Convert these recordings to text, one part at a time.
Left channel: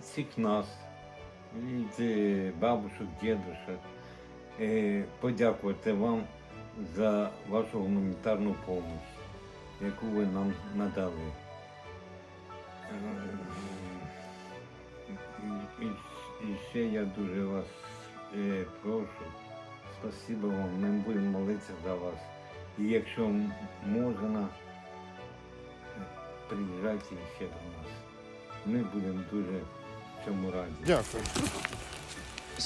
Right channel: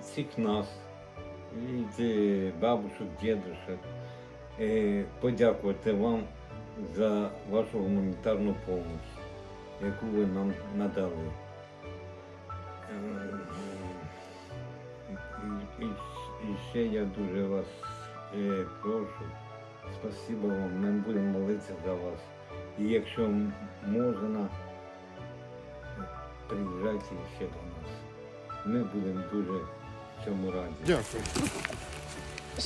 всіх нас, від е, бабушок, дідушок, е, подякувати вам за вашу гуманітарну допомогу, яку ви нам надали. Е, і, і ще я дуже вас е, прошу, спасибо вам, ми будемо молитися за вас. І якщо можна, приїжджайте ще до нас. Ми будемо дуже цьому раді. Дякую.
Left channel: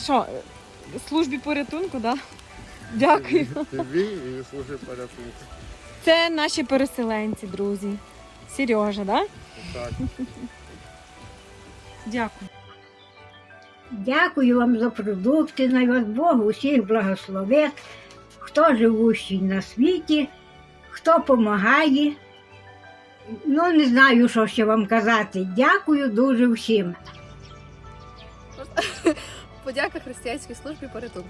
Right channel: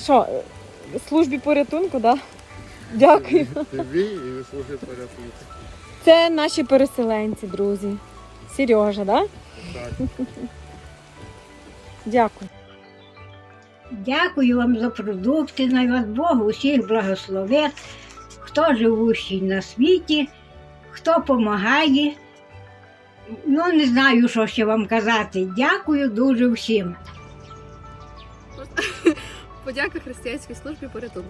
Що, е, службі порятунку, да? Дякую. Тобі і служи порятунку. Це наші переселенці, друзі. Сережа, да? Так. Дякую. Дякую вам за продукти, най вас Бог усіх благословить, хто живущий на світі, хто допомагає. Ну, не знаю, що ще вам казати. Дякую дуже всім. Подяка християнській службі порятунку.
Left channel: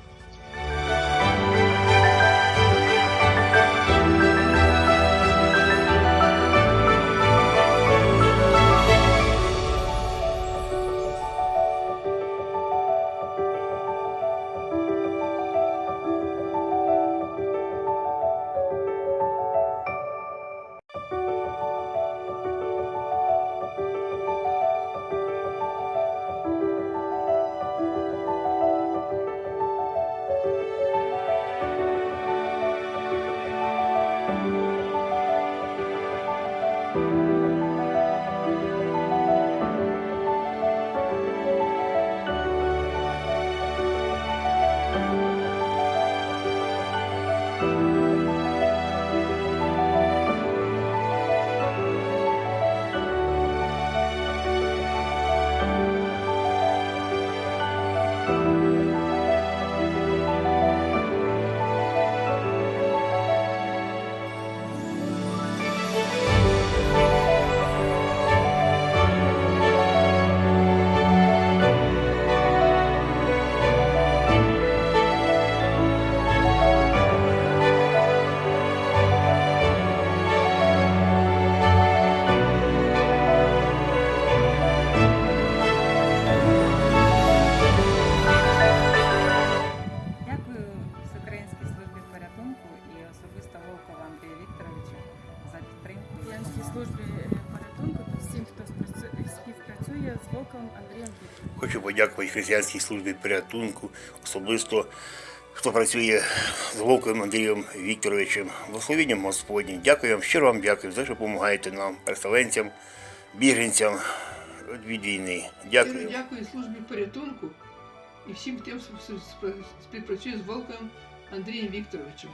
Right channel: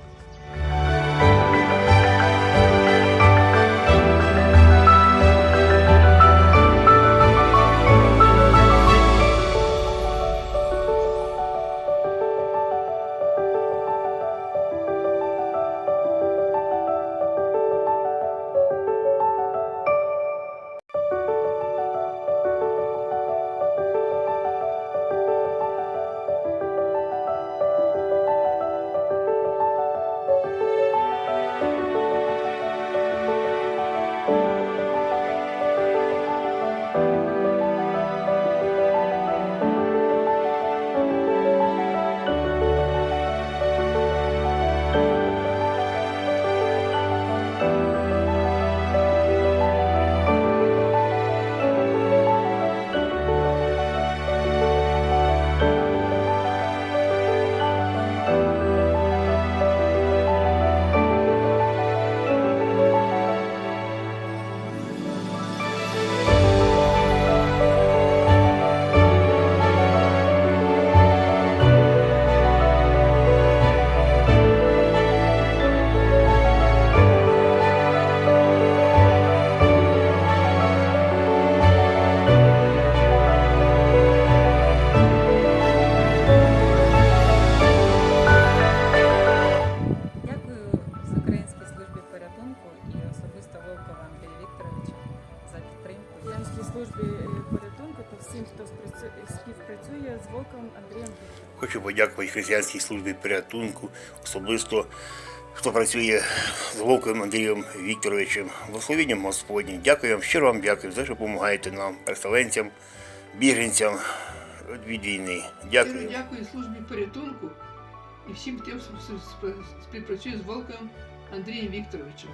Службі е, порятунку та всім, хто співпрацює з Волком Андрієм Хочу подякувати християнській службі порятунку, особисто хто працює з Вовком Андрієм Вікторовичем. Благословенням Господнім. Дякую вам, щиро вам дякую за що допомагаєте нам, переселенцям, біженцям від війни. Дякую. Щиро дякую службі порятунку і всім тим, хто співпрацює з Волком Андрієм Вікторовичем.